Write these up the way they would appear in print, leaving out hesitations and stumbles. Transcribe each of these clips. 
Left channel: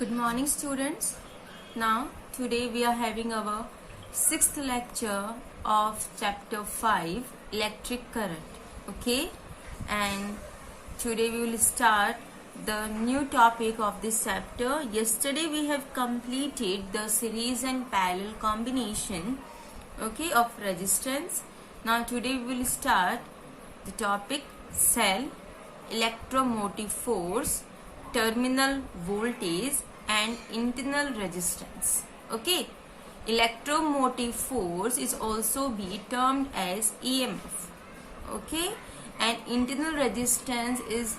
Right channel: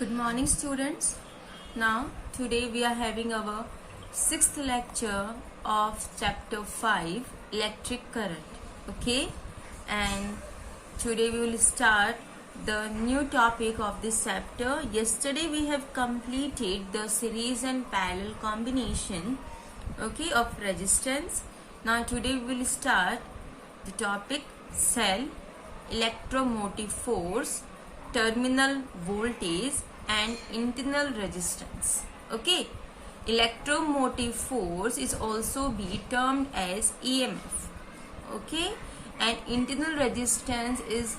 Good morning, students. Now, today we are having our sixth lecture of chapter 5, electric current. Okay, and today we will start the new topic of this chapter. Yesterday we have completed the series and parallel combination, okay, of resistance. Now, today we will start the topic cell, electromotive force, terminal voltage and internal resistance. Okay, electromotive force is also be termed as EMF. Okay, and internal resistance is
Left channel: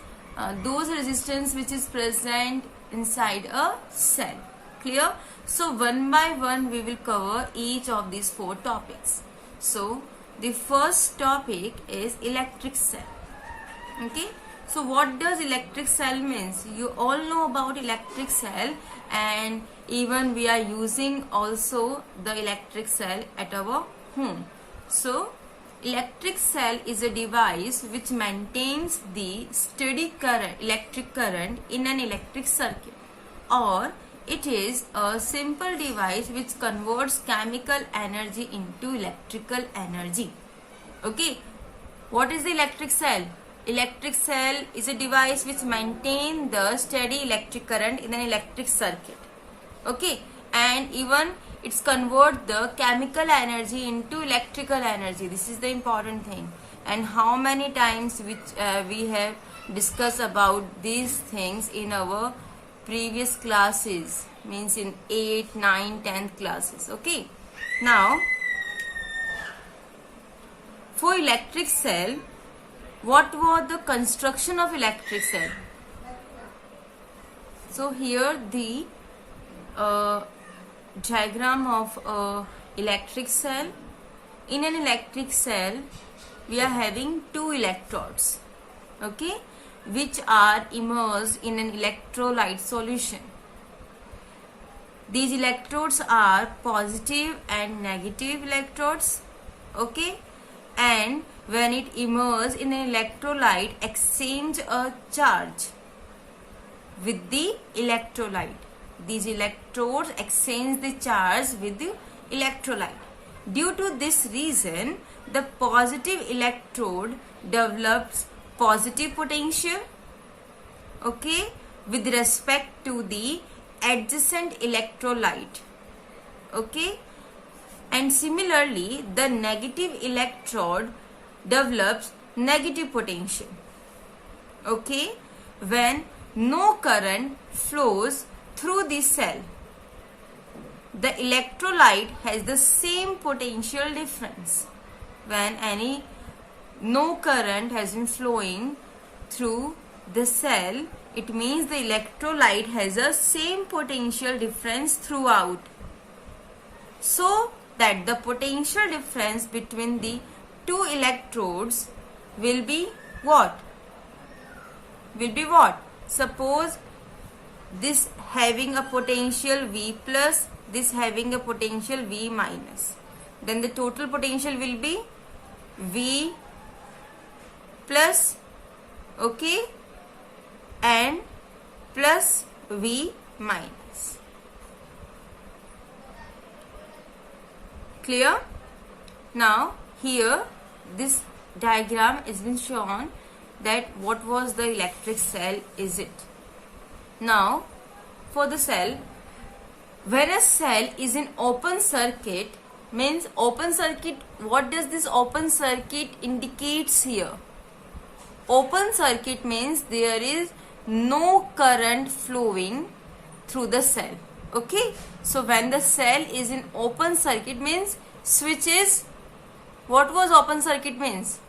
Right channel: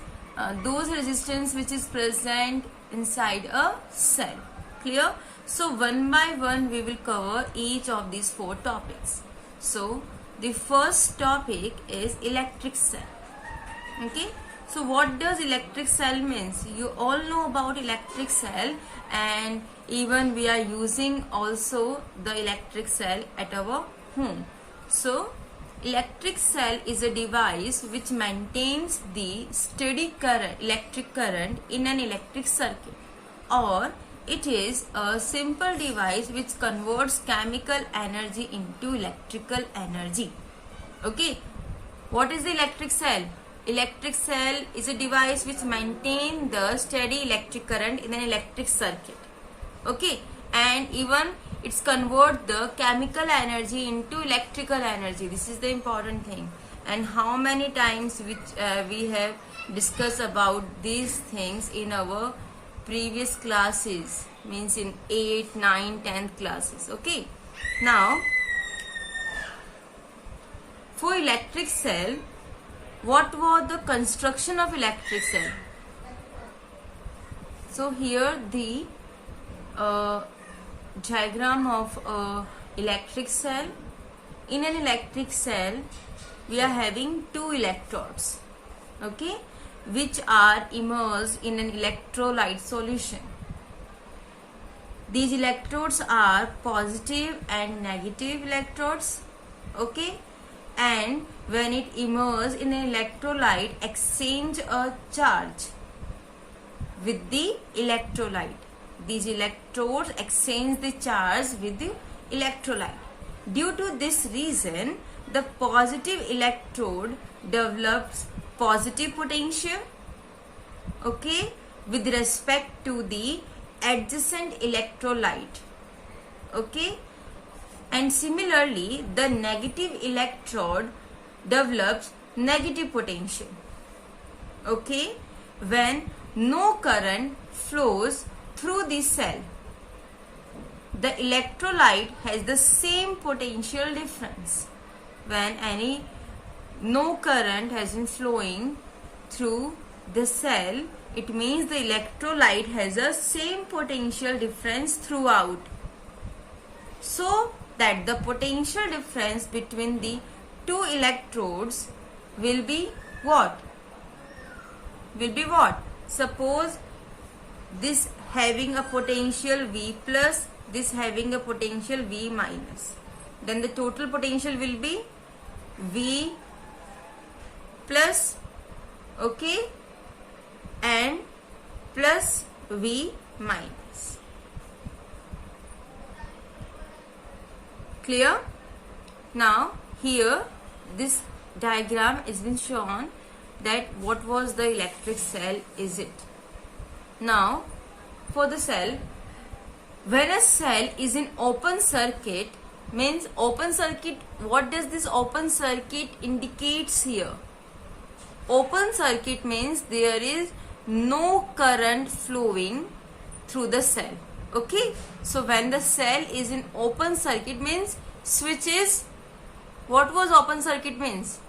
those resistance which is present inside a cell. Clear? So one by one we will cover each of these four topics. So the first topic is electric cell. Okay, so what does electric cell means? You all know about electric cell, and even we are using also the electric cell at our home. So electric cell is a device which maintains the steady current, electric current in an electric circuit, or it is a simple device which converts chemical energy into electrical energy. Okay, what is the electric cell? Electric cell is a device which maintains the steady electric current in an electric circuit. Okay, and even it's convert the chemical energy into electrical energy. This is the important thing. And how many times we have discussed about these things in our previous classes, means in 8, 9, 10th classes. Okay, now for electric cell, what was the construction of electric cell? So here the diagram of electric cell. In an electric cell, we are having two electrodes, okay, which are immersed in an electrolyte solution. These electrodes are positive and negative electrodes, okay, and when it immerses in an electrolyte, exchange a charge with the electrolyte. These electrodes exchange the charge with the electrolyte. Due to this reason, the positive electrode develops positive potential, okay, with respect to the adjacent electrolyte, okay. And similarly, the negative electrode develops negative potential, okay, when no current flows through the cell. The electrolyte has the same potential difference. When no current has been flowing through the cell, it means the electrolyte has the same potential difference throughout. So that the potential difference between the two electrodes will be what? Suppose this having a potential V plus, this having a potential V minus. Then the total potential will be V plus, okay, and plus V minus. Clear? Now here this diagram has been shown that what was the electric cell is it. Now for the cell, when a cell is in open circuit, means open circuit, what does this open circuit indicates here? Open circuit means there is no current flowing through the cell. Okay, so when the cell is in open circuit means switch is, what was open circuit means?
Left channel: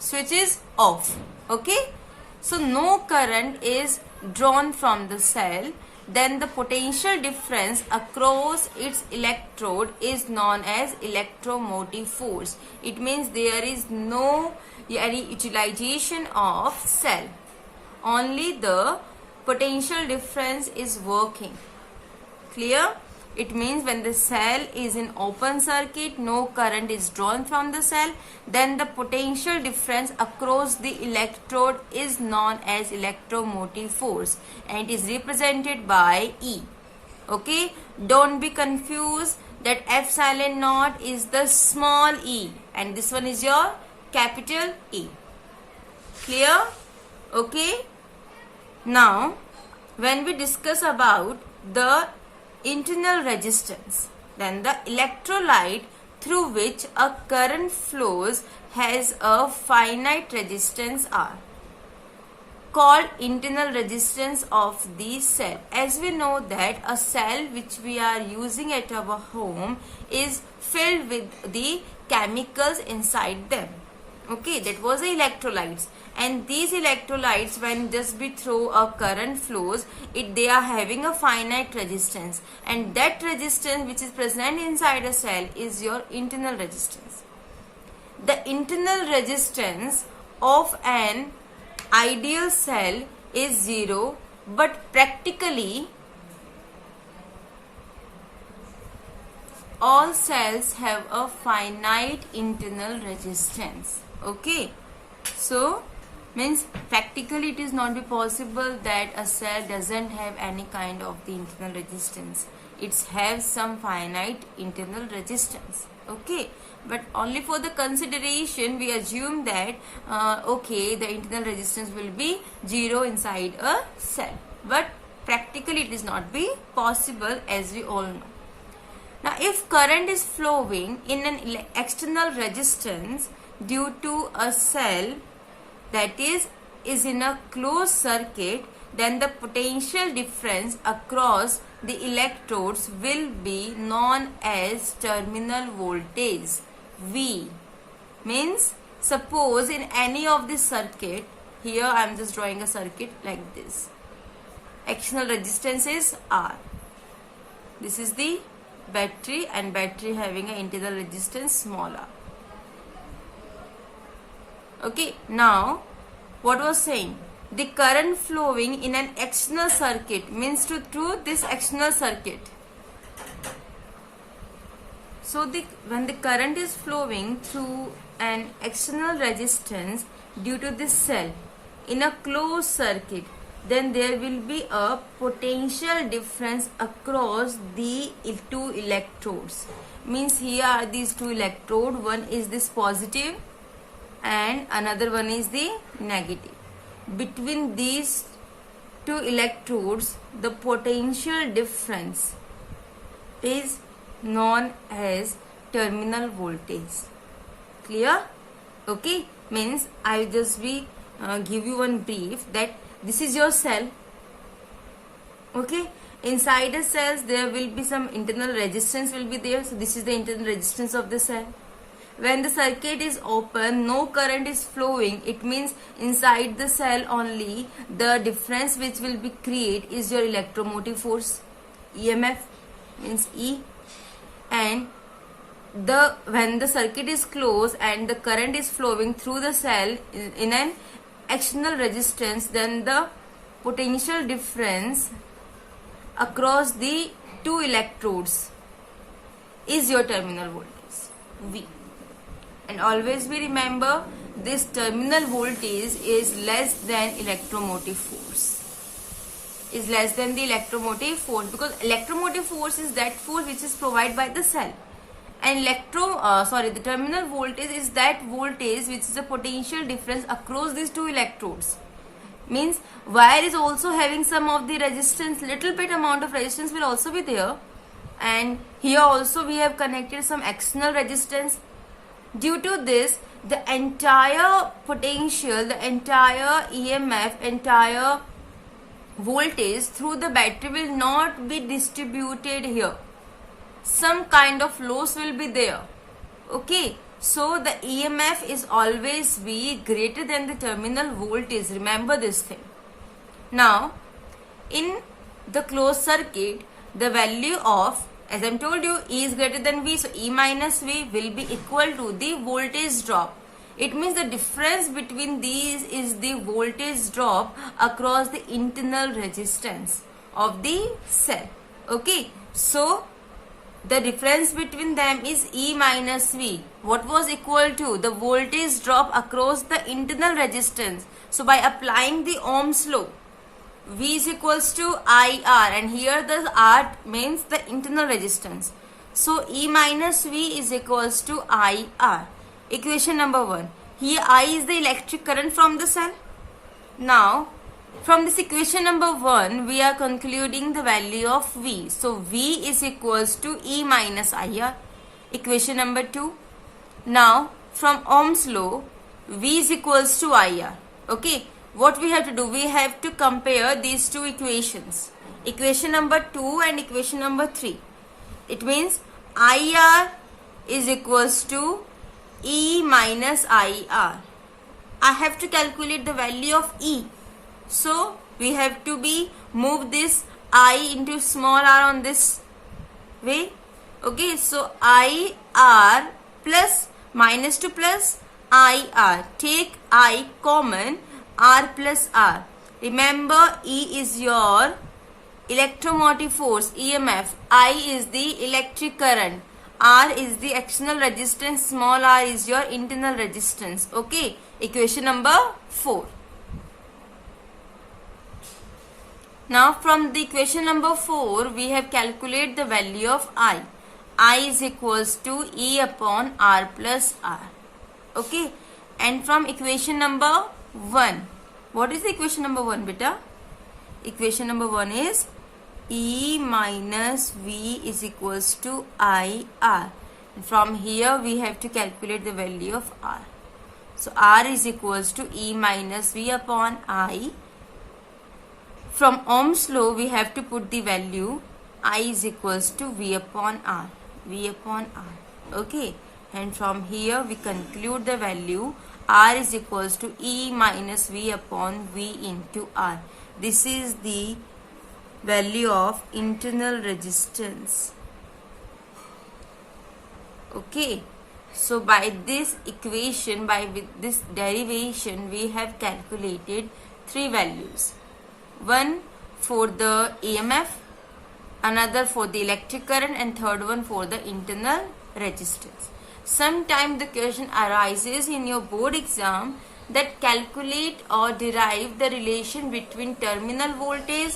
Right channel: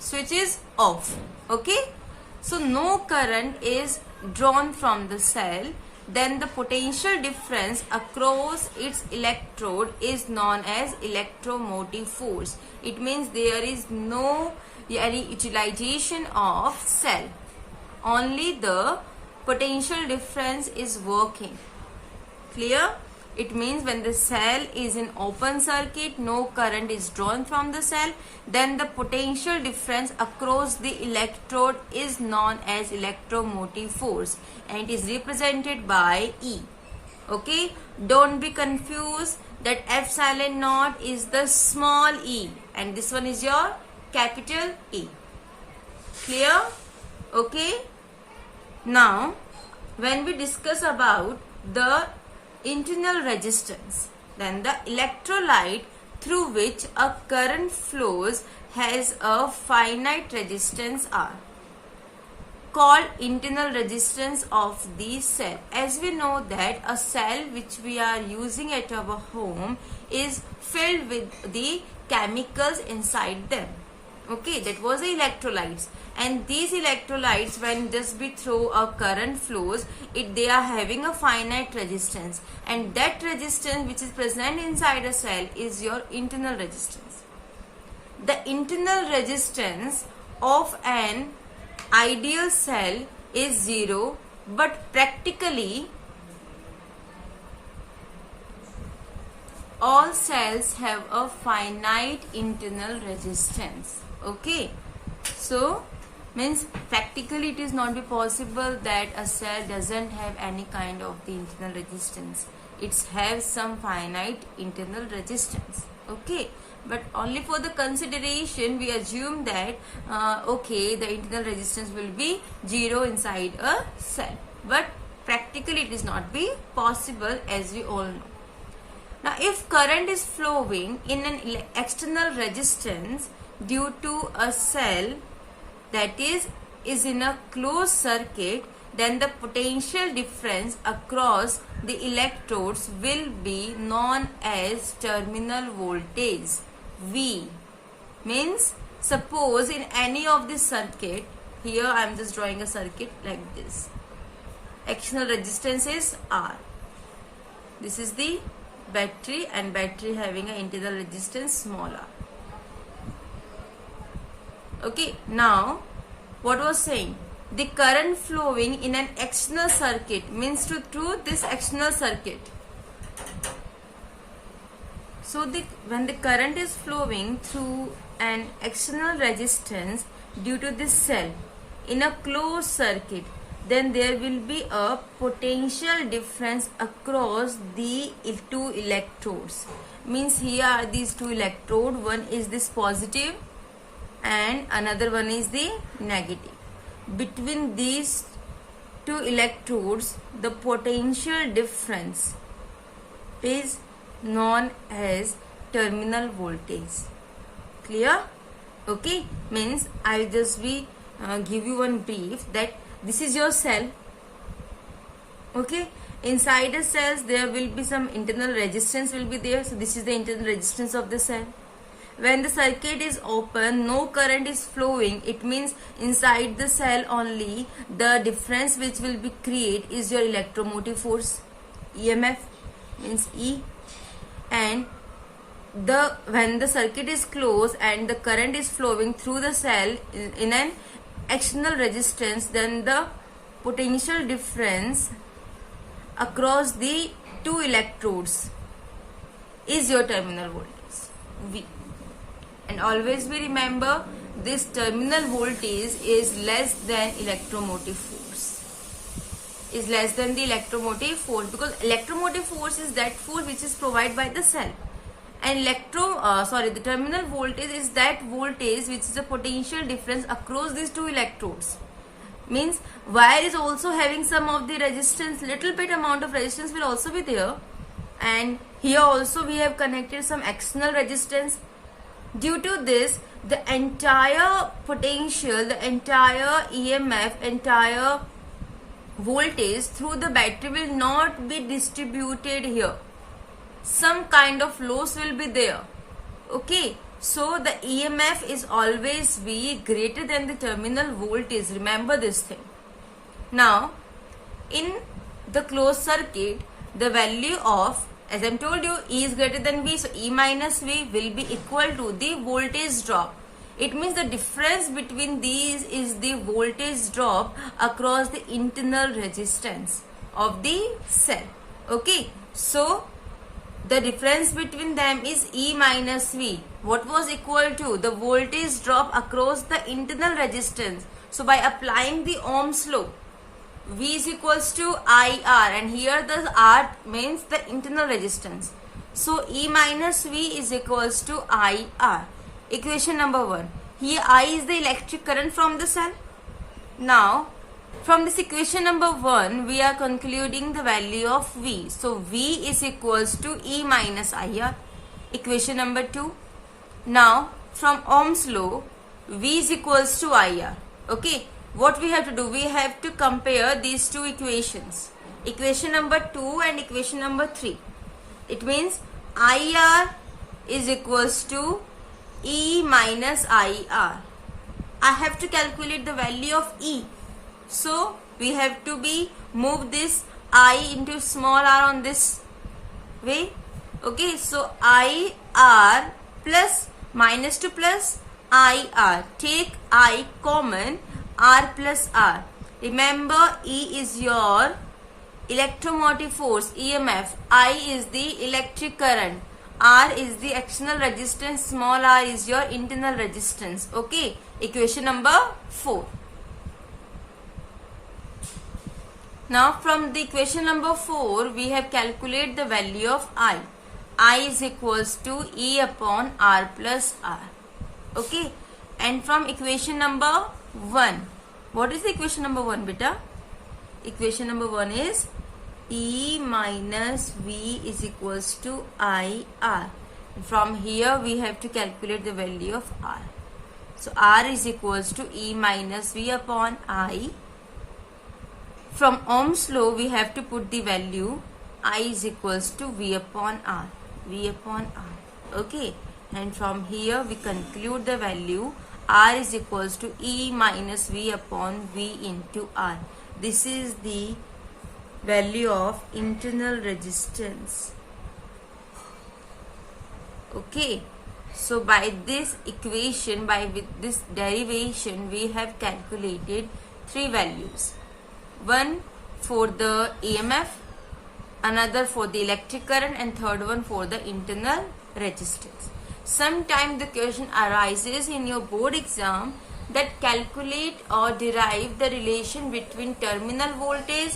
Switch is off. Okay, so no current is drawn from the cell. Then the potential difference across its electrode is known as electromotive force. It means there is no utilization of cell. Only the potential difference is working. Clear? It means when the cell is in open circuit, no current is drawn from the cell, then the potential difference across the electrode is known as electromotive force, and it is represented by E. Okay, don't be confused that epsilon naught is the small e and this one is your capital E. Clear? Okay. Now, when we discuss about the internal resistance, then the electrolyte through which a current flows has a finite resistance R, called internal resistance of the cell. As we know that a cell which we are using at our home is filled with the chemicals inside them. Okay, that was the electrolytes, and these electrolytes, when just be through a current flows, they are having a finite resistance, and that resistance which is present inside a cell is your internal resistance. The internal resistance of an ideal cell is 0, but practically all cells have a finite internal resistance. Okay, so means practically it is not be possible that a cell doesn't have any kind of the internal resistance. It has some finite internal resistance. Okay, but only for the consideration we assume that okay, the internal resistance will be 0 inside a cell, but practically it is not be possible, as we all know. Now, if current is flowing in an external resistance due to a cell that is in a closed circuit, then the potential difference across the electrodes will be known as terminal voltage V. Means, suppose in any of this circuit, here I am just drawing a circuit like this. External resistance is R. This is the battery, and battery having an internal resistance small r. Okay, now what was saying? The current flowing in an external circuit means through this external circuit. So when the current is flowing through an external resistance due to this cell in a closed circuit, then there will be a potential difference across the two electrodes. Means here are these two electrodes, one is this positive and another one is the negative. Between these two electrodes, the potential difference is known as terminal voltage. Clear? Okay, means I will just give you one brief that this is your cell. Okay, inside the cells there will be some internal resistance will be there. So this is the internal resistance of the cell. When the circuit is open, no current is flowing. It means inside the cell only the difference which will be create is your electromotive force, EMF means E. And when the circuit is closed and the current is flowing through the cell in an external resistance, then the potential difference across the two electrodes is your terminal voltage V. And always we remember this terminal voltage is less than electromotive force. Is less than the electromotive force, because electromotive force is that force which is provided by the cell, and the terminal voltage is that voltage which is the potential difference across these two electrodes. Means wire is also having some of the resistance, little bit amount of resistance will also be there, and here also we have connected some external resistance. Due to this, the entire potential, the entire EMF, entire voltage through the battery will not be distributed here. Some kind of loss will be there. Okay, so the EMF is always be greater than the terminal voltage. Remember this thing. Now, in the closed circuit, the value of, as I told you, E is greater than V, so E minus V will be equal to the voltage drop. It means the difference between these is the voltage drop across the internal resistance of the cell. Okay, so the difference between them is E minus V. What was equal to? The voltage drop across the internal resistance. So by applying the Ohm's law, V is equals to IR, and here the R means the internal resistance. So E minus V is equals to IR. Equation number 1. Here I is the electric current from the sun. Now from this equation number 1 we are concluding the value of V. So V is equals to E minus IR. Equation number 2. Now from Ohm's law, V is equals to IR. Okay, what we have to do? We have to compare these two equations. Equation number 2 and equation number 3. It means IR is equals to E minus IR. I have to calculate the value of E. So we have to move this I into small r on this way. Okay, so IR plus minus to plus IR. Take I common, R plus R. Remember, E is your electromotive force, EMF. I is the electric current. R is the external resistance. Small r is your internal resistance. Okay, equation number 4. Now from the equation number 4, we have calculated the value of I. I is equals to E upon R plus R. Okay, and from equation number 1, what is the equation number 1, beta? Equation number 1 is E minus V is equals to IR. And from here we have to calculate the value of R. So R is equals to E minus V upon I. From Ohm's law we have to put the value I is equals to V upon R. V upon R. Okay, and from here we conclude the value R is equals to E minus V upon V into R. This is the value of internal resistance. Okay, so by this equation, with this derivation, we have calculated 3 values. One for the EMF, another for the electric current, and third one for the internal resistance. Sometimes the question arises in your board exam that calculate or derive the relation between terminal voltage,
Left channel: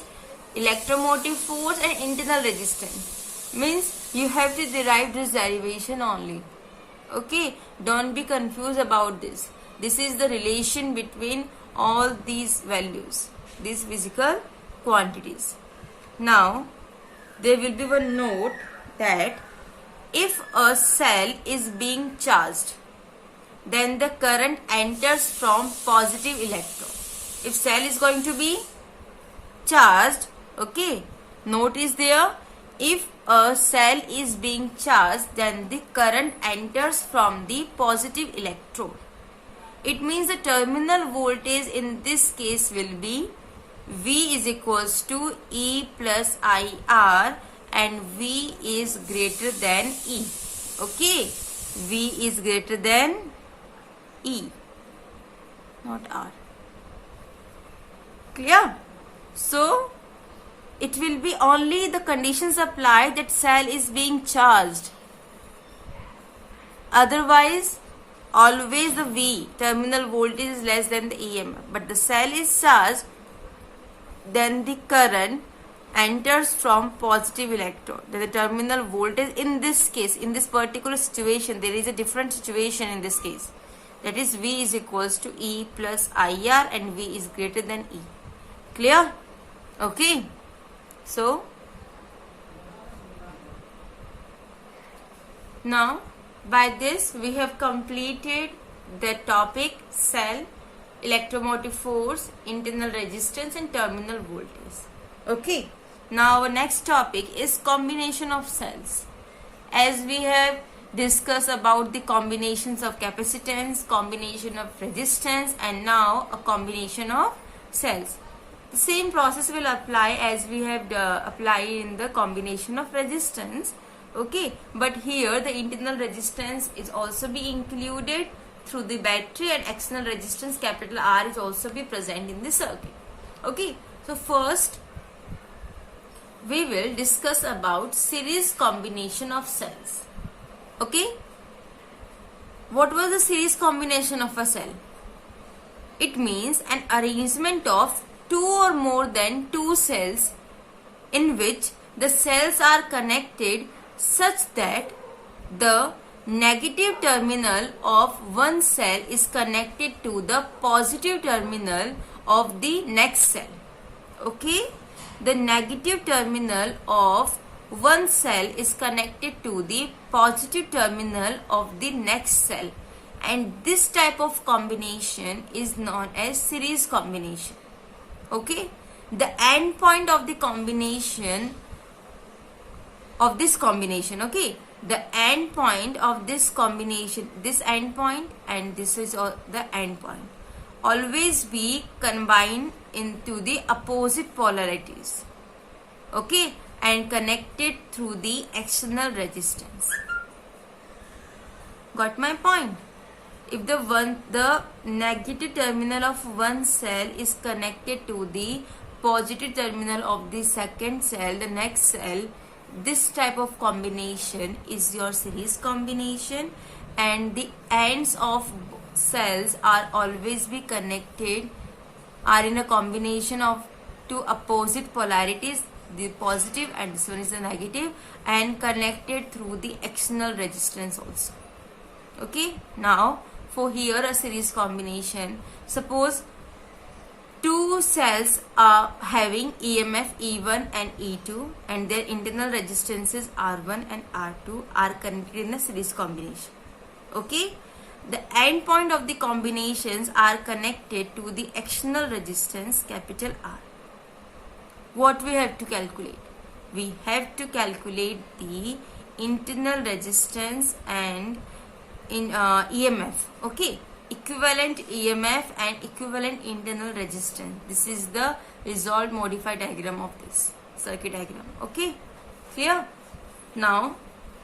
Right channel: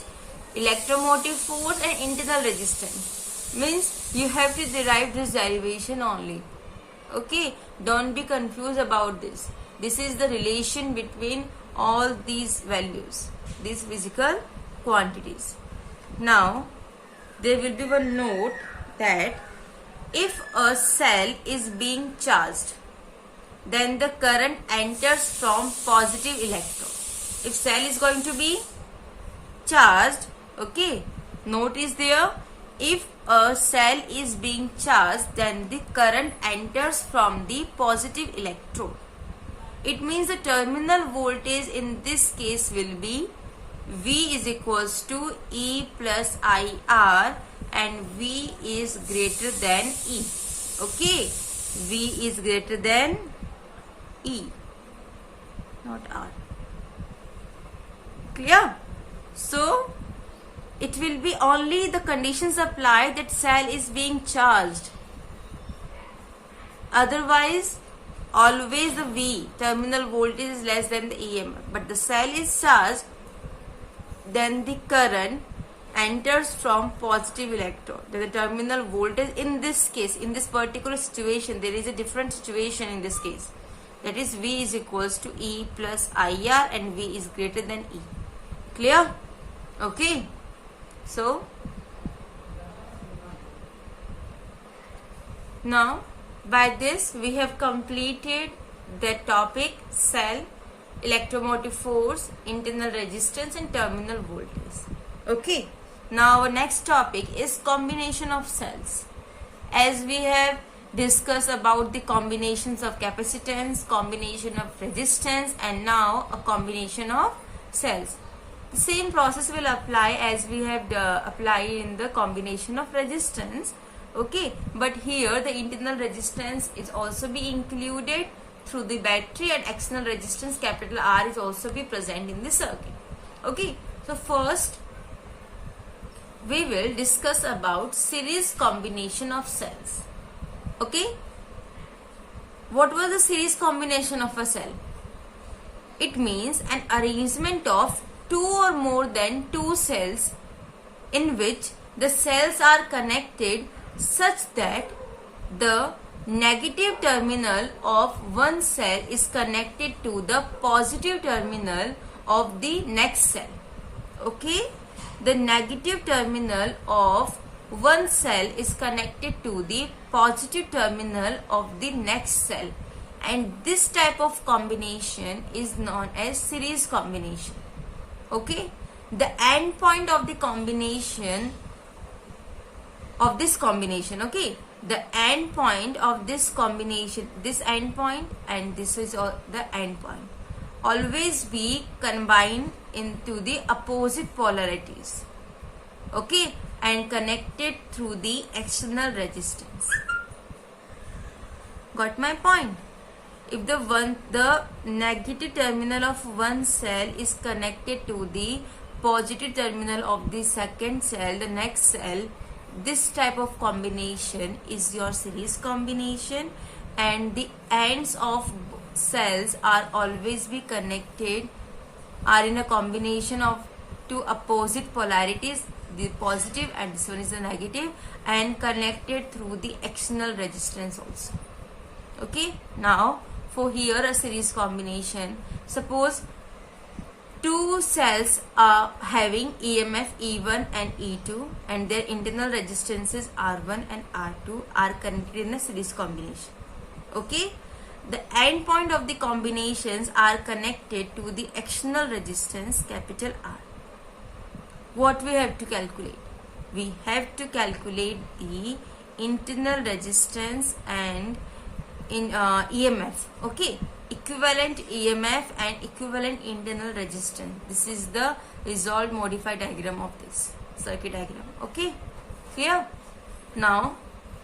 electromotive force and internal resistance. Means you have to derive this derivation only. Okay, don't be confused about this. This is the relation between all these values, these physical quantities. Now there will be one note that if a cell is being charged, then the current enters from positive electrode. If cell is going to be charged, okay, note is there, if a cell is being charged, then the current enters from the positive electrode. It means the terminal voltage in this case will be V is equals to E plus IR, and V is greater than E. Okay, V is greater than E, not R. Clear? So it will be only the conditions applied that cell is being charged. Otherwise, always the V, terminal voltage, is less than the EMF. But the cell is charged, then the current enters from positive electrode. The terminal voltage in this case, in this particular situation, there is a different situation in this case. That is V is equals to E plus IR, and V is greater than E. Clear? Okay. So now by this we have completed the topic cell, electromotive force, internal resistance and terminal voltage. Okay. Now our next topic is combination of cells. As we have discussed about the combinations of capacitance, combination of resistance, and now a combination of cells. The same process will apply as we have applied in the combination of resistance. Okay, but here the internal resistance is also be included through the battery, and external resistance capital R is also be present in the circuit. Okay, so first we will discuss about series combination of cells. Okay, what was the series combination of a cell? It means an arrangement of two or more than two cells in which the cells are connected such that the negative terminal of one cell is connected to the positive terminal of the next cell. Okay, the negative terminal of one cell is connected to the positive terminal of the next cell, and this type of combination is known as series combination. Okay, the end point of the combination of this combination, okay, the end point of this combination, this end point and this is the end point, always be combined into the opposite polarities, okay, and connected through the external resistance. Got my point? If the negative terminal of one cell is connected to the positive terminal of the second cell, the next cell, this type of combination is your series combination, and the ends of cells are always be connected, are in a combination of two opposite polarities, the positive and this one is the negative, and connected through the external resistance also. Okay, now for here a series combination, suppose two cells are having EMF E1 and E2 and their internal resistances R1 and R2 are connected in a series combination. Okay, the end point of the combinations are connected to the external resistance capital R. What we have to calculate? We have to calculate the internal resistance and in EMF. Okay, equivalent EMF and equivalent internal resistance. This is the resolved modified diagram of this circuit diagram. Okay, clear? Now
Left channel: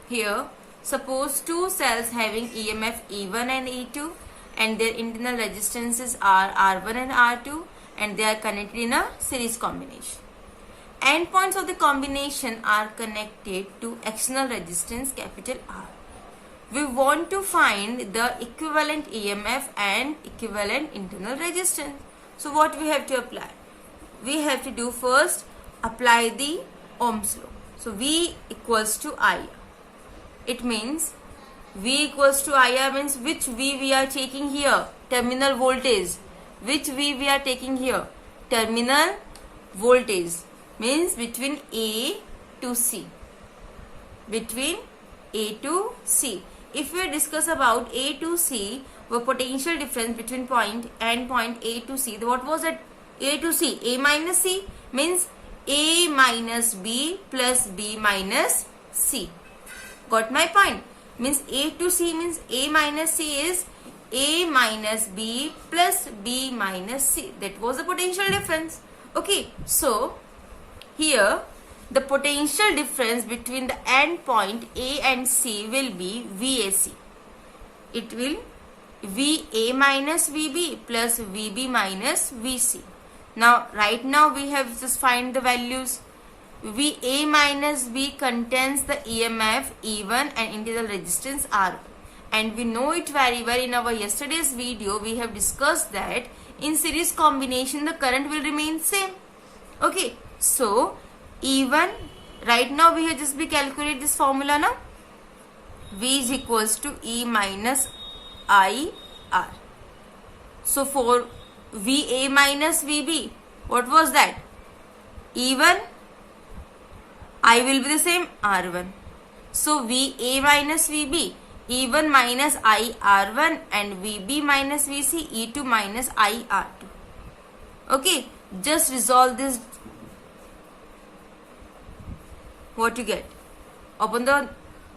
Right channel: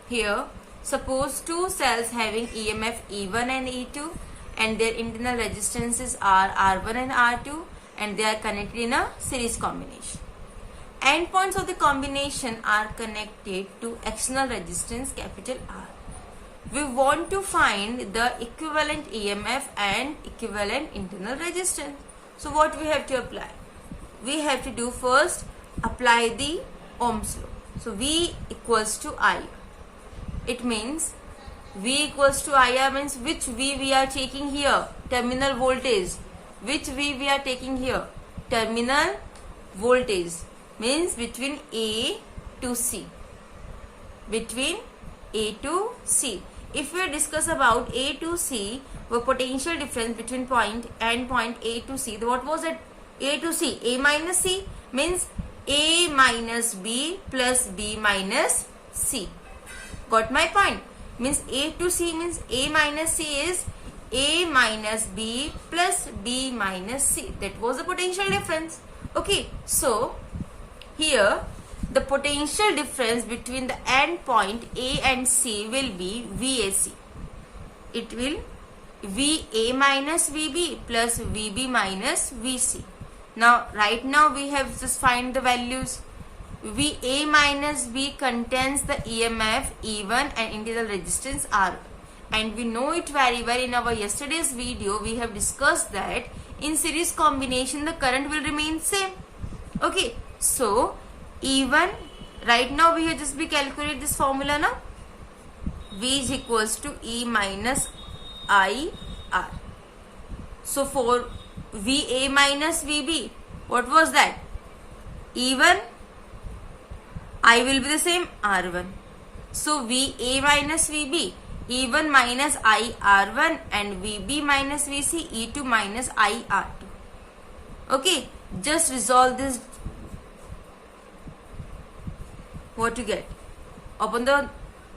here suppose two cells having EMF E1 and E2 and their internal resistances are R1 and R2 and they are connected in a series combination. Endpoints of the combination are connected to external resistance capital R. We want to find the equivalent EMF and equivalent internal resistance. So what we have to apply? We have to do first apply the Ohm's law. So V equals to I. It means V equals to IR means which V we are taking here? Terminal voltage. Which V we are taking here? Terminal voltage means between A to C. Between A to C. If we discuss about A to C, the potential difference between point and point A to C, what was it? A to C, A minus C means A minus B plus B minus C. Got my point? Means A to C means A minus C is A minus B plus B minus C. That was the potential difference. Okay, so here the potential difference between the end point A and C will be VAC. It will VA minus VB plus VB minus VC. Now, right now we have just find the values. VA minus V contains the EMF E1 and internal resistance R1. And we know it very well. In our yesterday's video, we have discussed that in series combination, the current will remain same. Okay, so E1, right now we have just be calculate this formula now. V is equals to E minus IR. So for VA minus VB, what was that? E1, I will be the same R1. So VA minus VB, E1 minus IR1 and VB minus VC, E2 minus IR2. Okay, just resolve this. What you get? Open the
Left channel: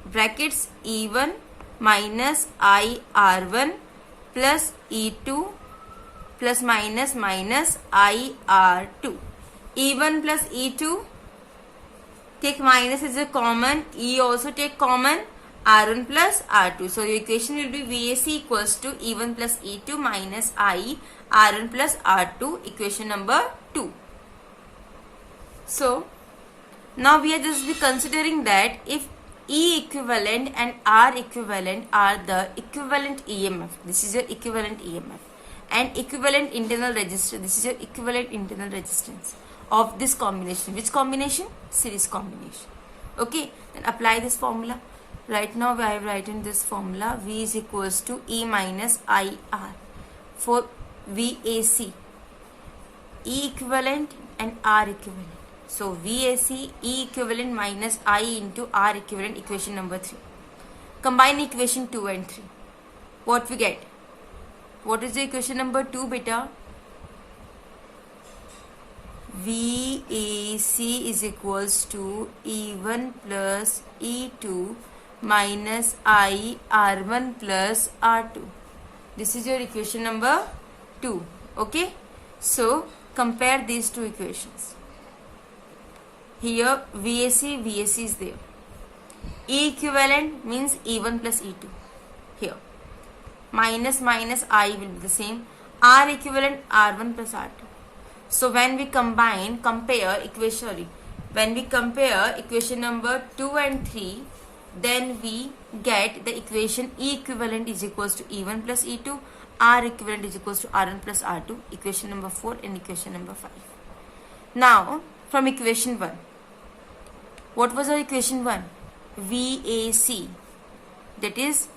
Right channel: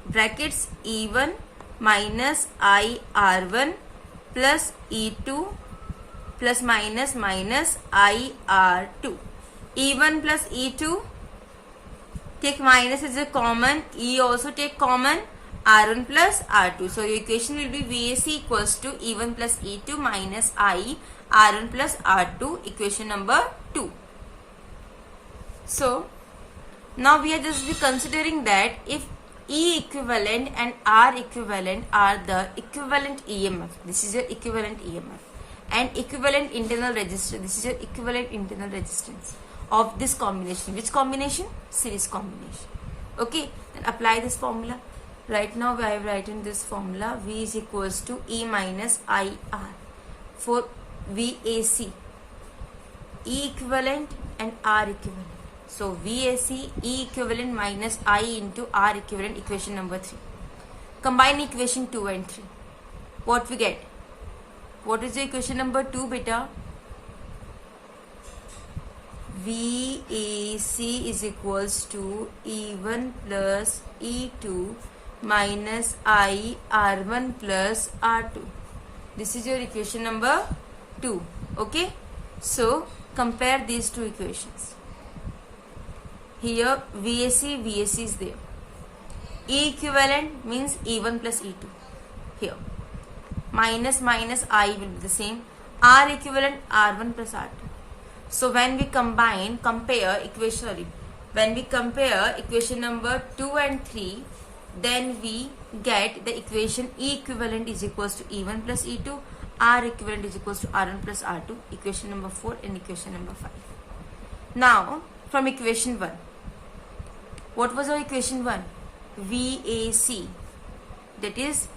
brackets, E1 minus IR1 plus E2 plus minus minus IR2. E1 plus E2, take minus is a common, E also take common, R1 plus R2. So your equation will be VAC equals to E1 plus E2 minus I R1 plus R2, equation number 2. So now we are just be considering that if E equivalent and R equivalent are the equivalent EMF. This is your equivalent EMF. and equivalent internal resistance. This is your equivalent internal resistance of this combination. Which combination? Series combination. Okay, then apply this formula. Right now I have written this formula. V is equals to E minus IR for VAC. E equivalent and R equivalent. So VAC, E equivalent minus I into R equivalent, equation number 3. Combine equation 2 and 3. What we get? What is the equation number 2, beta? VAC is equals to E1 plus E2 minus I R1 plus R2. This is your equation number 2. Okay. So compare these two equations. Here VAC is there. E equivalent means E1 plus E2. Here minus I will be the same. R equivalent R1 plus R2. So when we compare equation number 2 and 3, then we get the equation E equivalent is equals to E1 plus E2, R equivalent is equals to R1 plus R2, equation number 4 and equation number 5. Now from equation 1, what was our equation 1? VAC, that is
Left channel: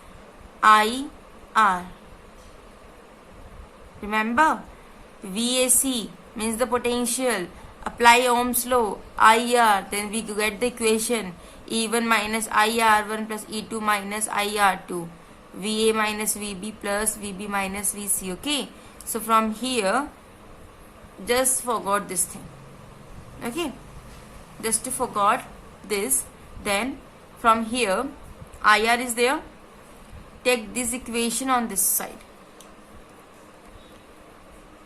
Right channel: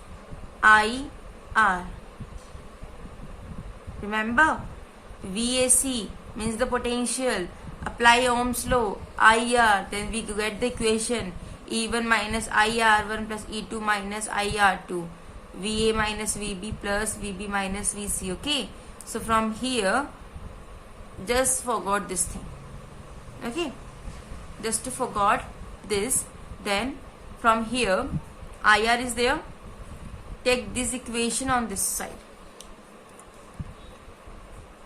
IR. Remember, VAC means the potential. Apply Ohm's law, IR, then we get the equation E1 minus IR1 plus E2 minus IR2, VA minus VB plus VB minus VC. Okay, so from here, just forgot this thing. Okay, just forgot this. Then from here, IR is there. Take this equation on this side.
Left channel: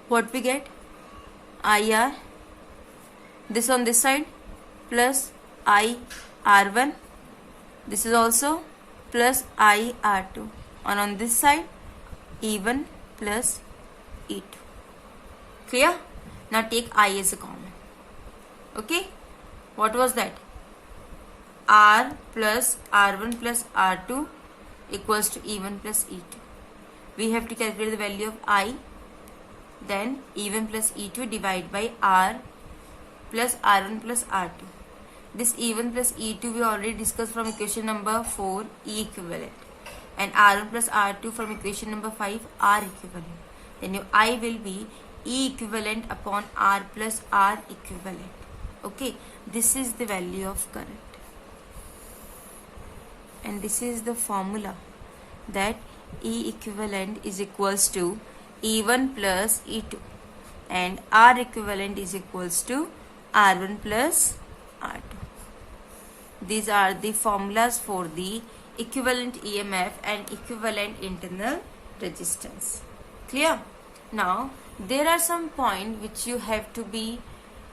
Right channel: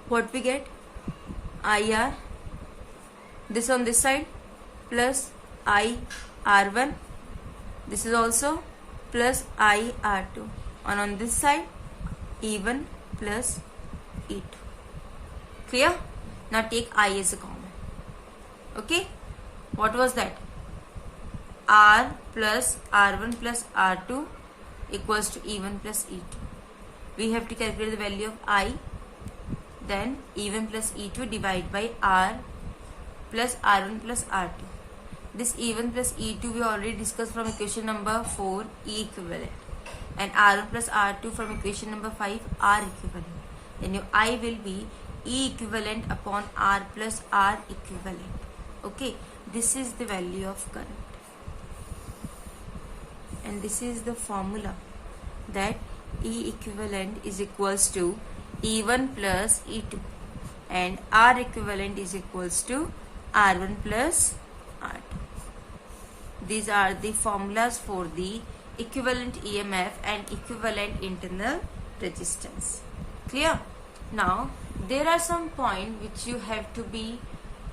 What we get? IR, this on this side, plus IR1, this is also plus IR2, and on this side E1 plus E2. Clear? Now take I as a common. Okay, what was that? R plus R1 plus R2 equals to E1 plus E2. We have to calculate the value of I. Then E1 plus E2 divided by R plus R1 plus R2. This E1 plus E2 we already discussed from equation number 4, E equivalent. And R1 plus R2 from equation number 5, R equivalent. Then your I will be E equivalent upon R plus R equivalent. Okay, this is the value of current. And this is the formula, that E equivalent is equals to E1 plus E2 and R equivalent is equals to R1 plus R2. These are the formulas for the equivalent EMF and equivalent internal resistance. Clear? Now there are some points which you have to be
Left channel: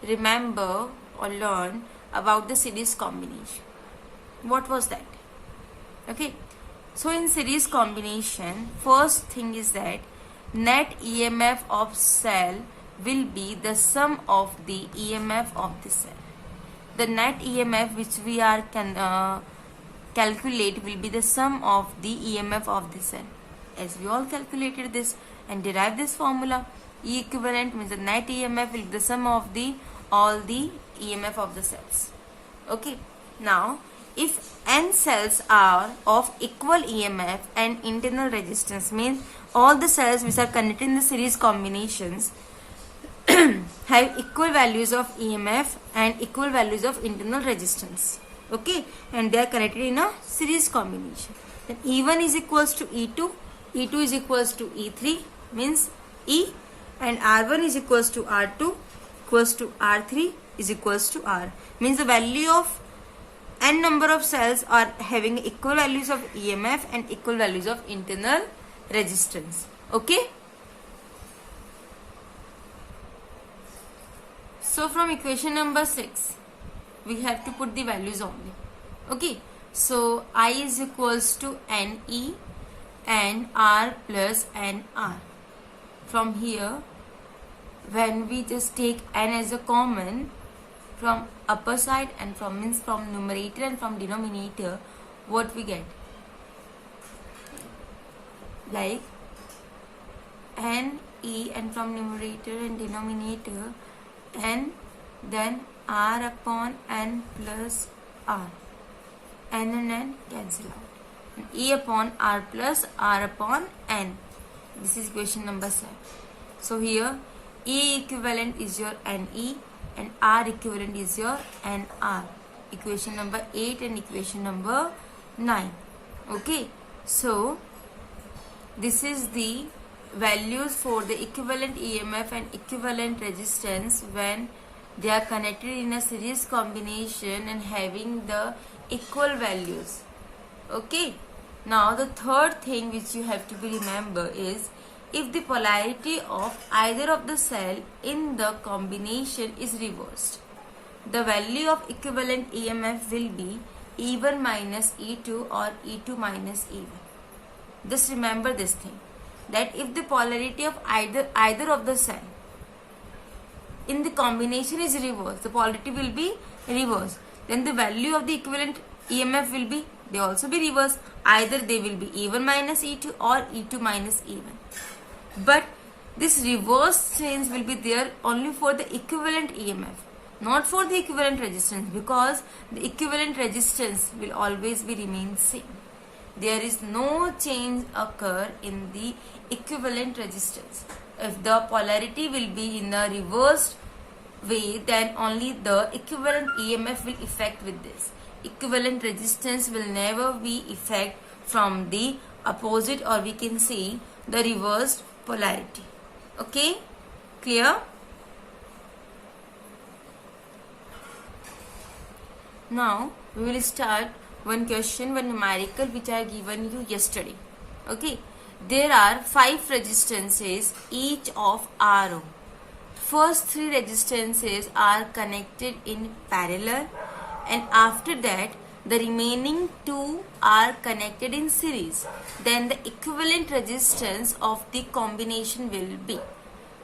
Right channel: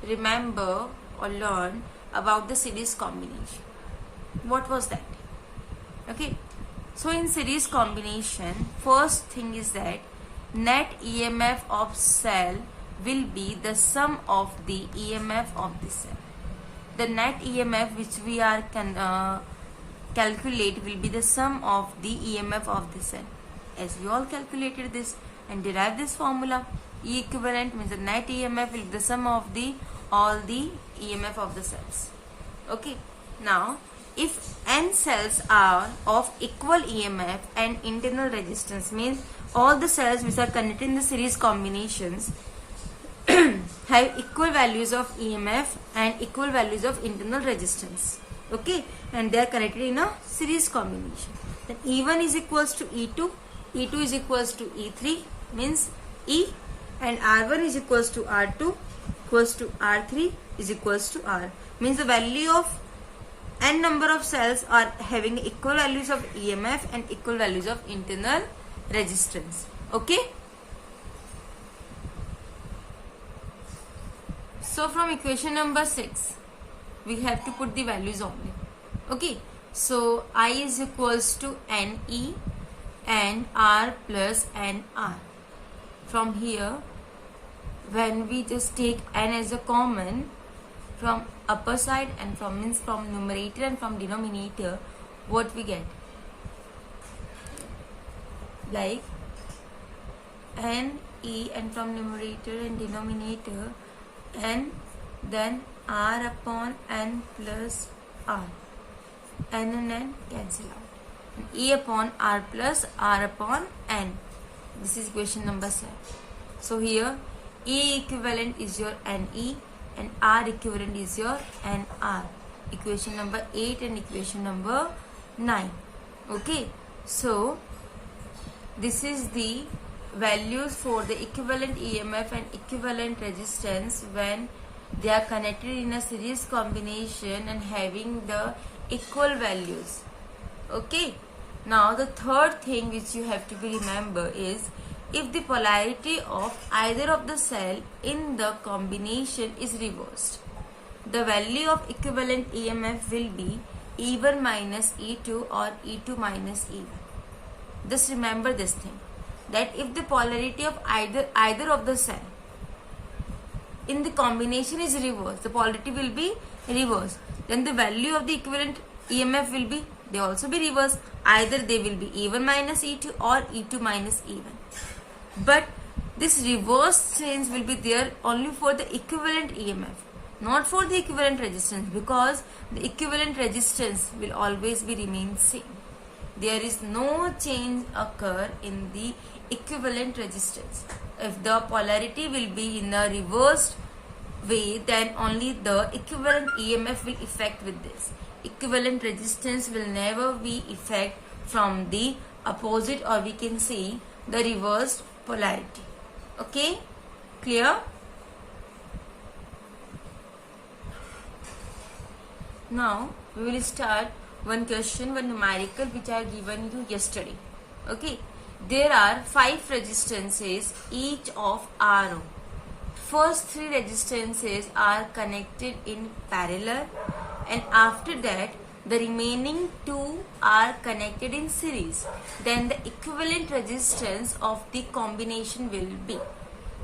remember or learn about the series combination. What was that? Okay, so in series combination, first thing is that net EMF of cell will be the sum of the EMF of the cell. The net EMF which we are calculate will be the sum of the EMF of the cell. As we all calculated this and derived this formula, E equivalent means the net EMF will be the sum of all the EMF of the cells. Okay, now if n cells are of equal EMF and internal resistance, means all the cells which are connected in the series combinations have equal values of EMF and equal values of internal resistance. Okay, and they are connected in a series combination. Then E1 is equals to E2, E2 is equals to E3, means E, and R1 is equals to R2 equals to R3 is equals to R, means the value of n number of cells are having equal values of EMF and equal values of internal resistance. Okay, so from equation number 6 we have to put the values only. Okay, so I is equals to NE and R plus NR. From here, when we just take n as a common from upper side and from numerator and from denominator, what we get? Like NE E, and from numerator and denominator n, then r upon n plus r. N and n cancel out. E upon r plus r upon n. This is equation number 7. So here E equivalent is your NE and R equivalent is your NR. Equation number 8 and equation number 9. Okay. So this is the values for the equivalent EMF and equivalent resistance when they are connected in a series combination and having the equal values. Okay. Now the third thing which you have to remember is if the polarity of either of the cell in the combination is reversed, the value of equivalent EMF will be E1 minus E2 or E2 minus E1. Just remember this thing, that if the polarity of either of the cell in the combination is reversed, the polarity will be reversed, then the value of the equivalent EMF will be, they also be reversed. Either they will be E1 minus E2 or E2 minus E1. But this reverse change will be there only for the equivalent EMF, not for the equivalent resistance, because the equivalent resistance will always be remain same. There is no change occur in the equivalent resistance. If the polarity will be in a reversed way, then only the equivalent EMF will affect with this. Equivalent resistance will never be effect from the opposite, or we can say the reversed polarity. Okay, clear? Now we will start one question, one numerical which I given you yesterday. Okay, there are 5 resistances each of R. First 3 resistances are connected in parallel, and after that the remaining 2 are connected in series. Then the equivalent resistance of the combination will be.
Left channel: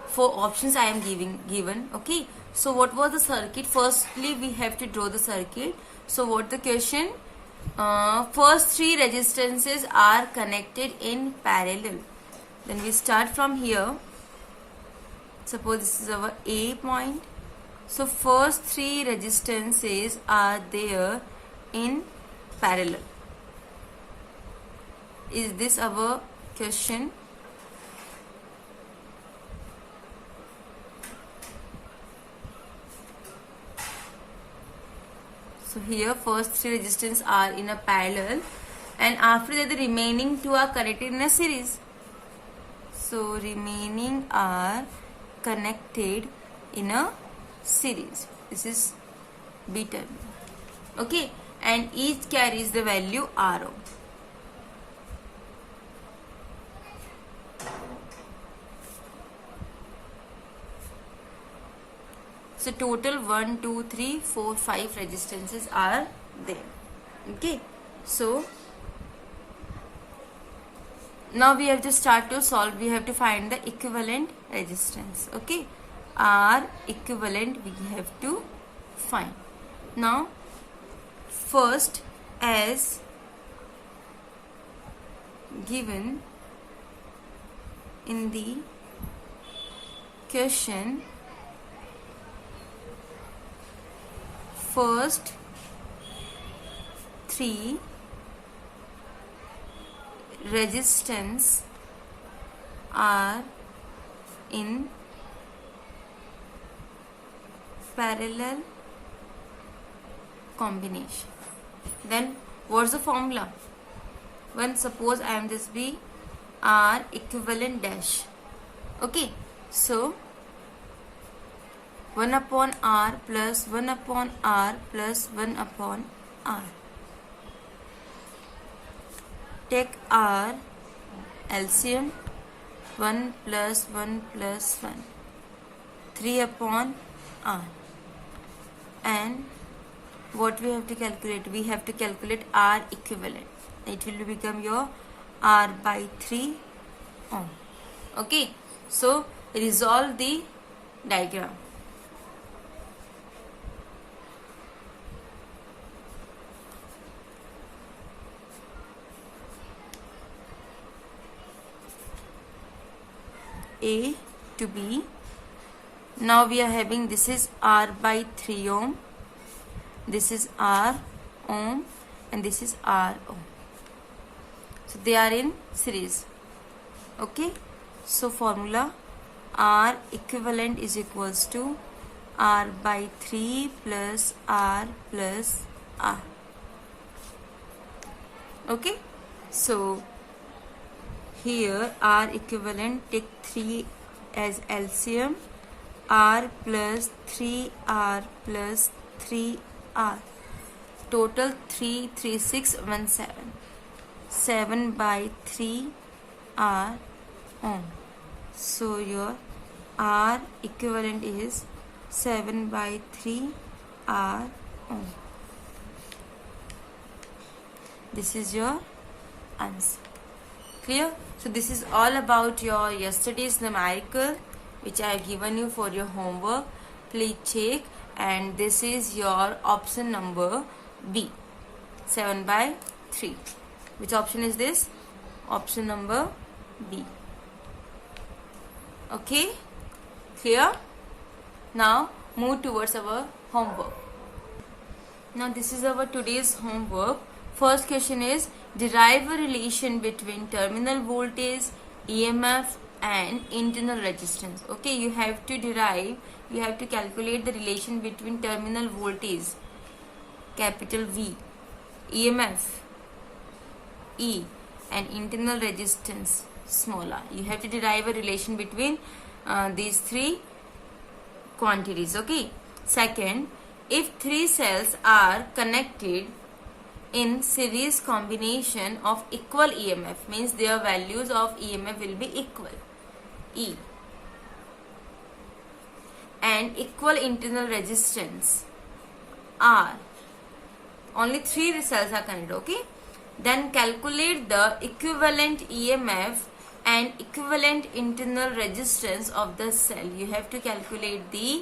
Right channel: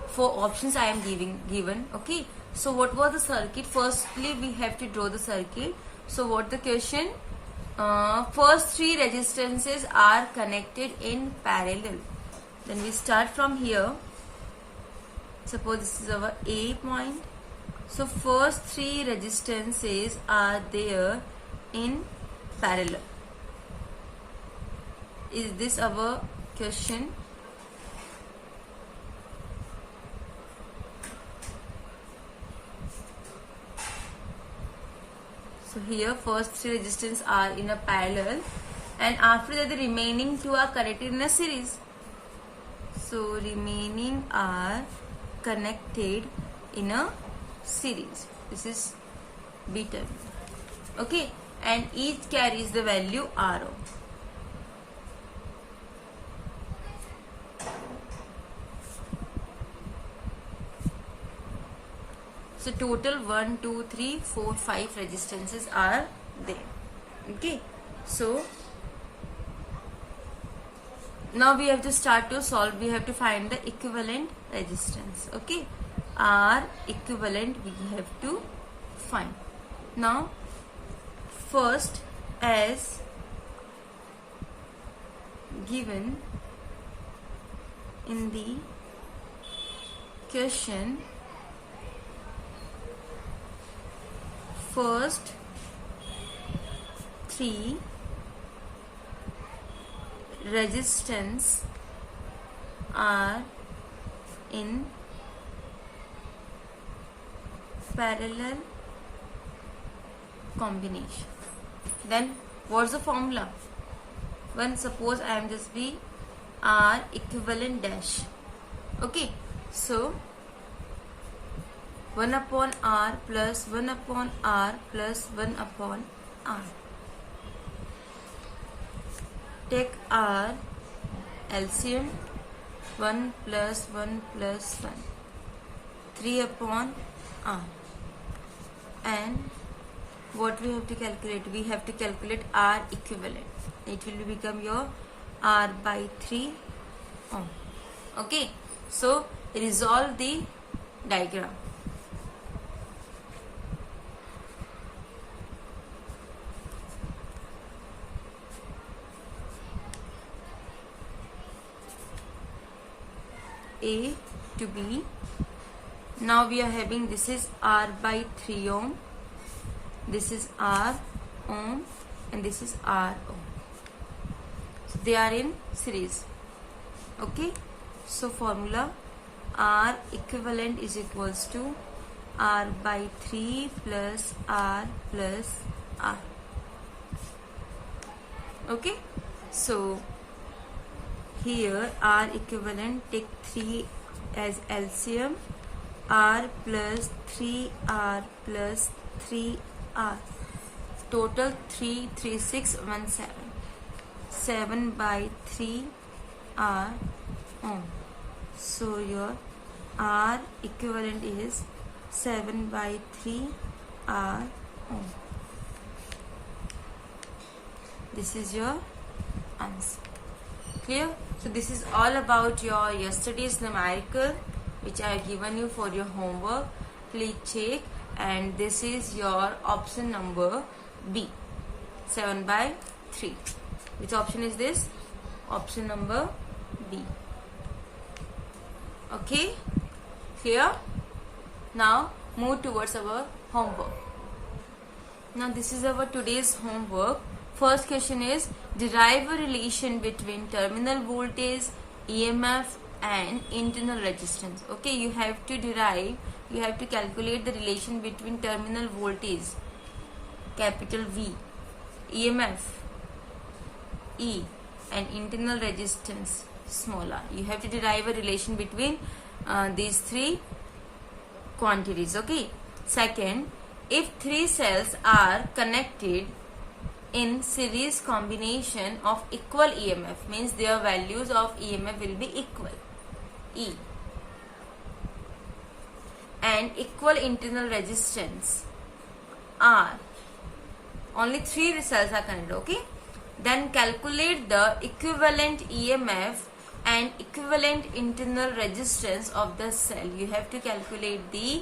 4 options I am given. Okay. So what was the circuit? Firstly, we have to draw the circuit. So what the question? First 3 resistances are connected in parallel. Then we start from here. Suppose this is our A point. So first 3 resistances are there in parallel. Is this our question? So here first 3 resistance are in a parallel, and after that the remaining 2 are connected in a series. So remaining are connected in a series. This is B terminal. Okay, and each carries the value R. So total 1, 2, 3, 4, 5 resistances are there. Okay, so now we have to start to solve. We have to find the equivalent resistance. Okay, R equivalent we have to find. Now first, as given in the question, first 3 resistance are in parallel combination. Then what's the formula? When suppose I am this be R equivalent dash. Okay, so 1 upon R plus 1 upon R plus 1 upon R. Take R LCM, 1 plus 1 plus 1, 3 upon R. And what we have to calculate? We have to calculate R equivalent. It will become your R by 3 ohm. Okay, so resolve the diagram. A to be, now we are having, this is R by 3 ohm, this is R ohm, and this is R ohm. So they are in series. Okay, so formula R equivalent is equals to R by 3 plus R plus R. Okay, so here R equivalent, take 3 as LCM, R plus 3R plus 3R, total 33617, 7 by 3 R ohm. So your R equivalent is 7 by 3 R ohm. This is your answer. Clear? So this is all about your yesterday's numerical which I have given you for your homework. Please check. And this is your option number B, 7 by 3. Which option is this? Option number B. Okay? Clear? Now move towards our homework. Now this is our today's homework. First question is, derive a relation between terminal voltage, EMF and internal resistance. Okay, you have to calculate the relation between terminal voltage, capital V, EMF, E, and internal resistance, small r. You have to derive a relation between these three quantities. Okay. Second, if three cells are connected in series combination of equal EMF, means their values of EMF will be equal, E, and equal internal resistance, R, only three cells are connected. Okay, then calculate the equivalent EMF and equivalent internal resistance of the cell. You have to calculate the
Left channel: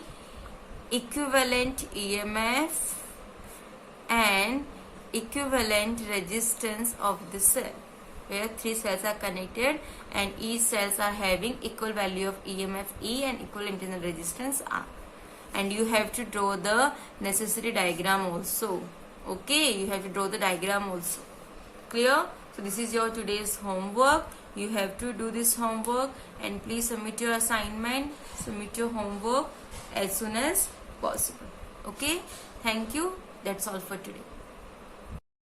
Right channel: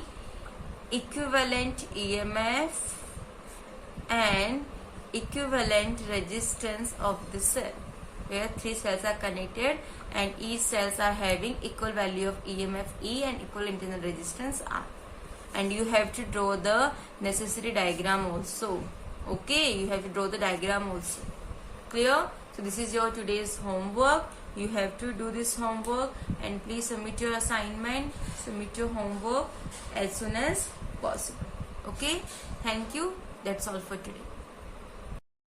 equivalent EMF and equivalent resistance of the cell, where three cells are connected and each cells are having equal value of EMF E and equal internal resistance R. And you have to draw the necessary diagram also. Okay, you have to draw the diagram also. Clear? So this is your today's homework. You have to do this homework and please submit your assignment, submit your homework as soon as possible. Okay, thank you. That's all for today.